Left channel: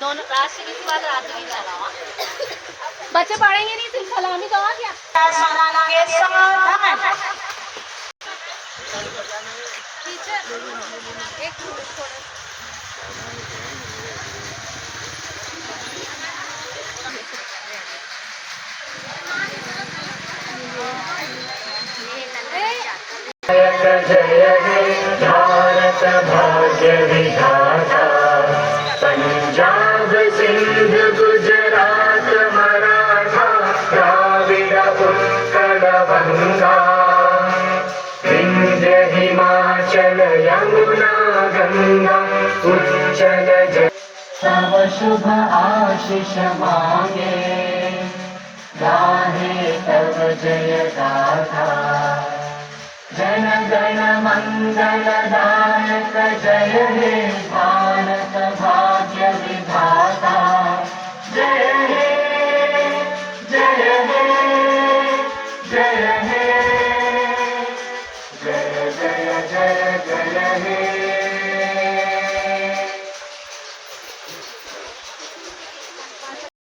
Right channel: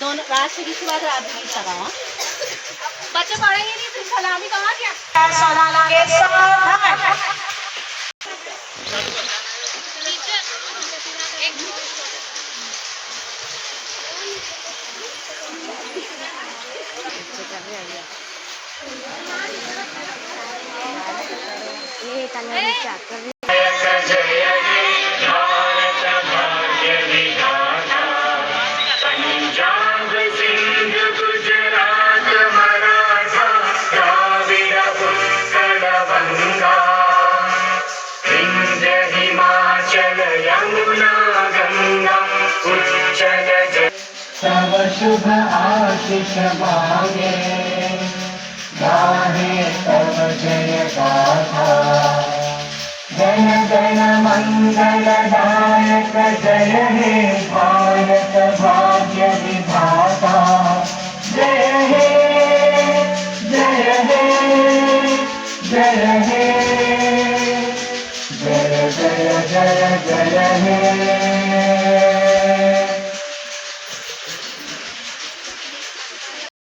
दोनों राष्ट्रगीत के बाद राज्य गीत चला वहाँ बच्चे पढ़ेंगे नहीं तो सलामी कहाँ क्या पंजाब सिंध गुजरात मराठा द्राविड उत्कल बंगा विंध्य हिमाचल यमुना गंगा उच्चल तव शुभ आशीष मांगे गाहे तव जय गाथा जन गण मंगल दायक जय हे भारत भाग्य विधाता जय हे जय हे जय हे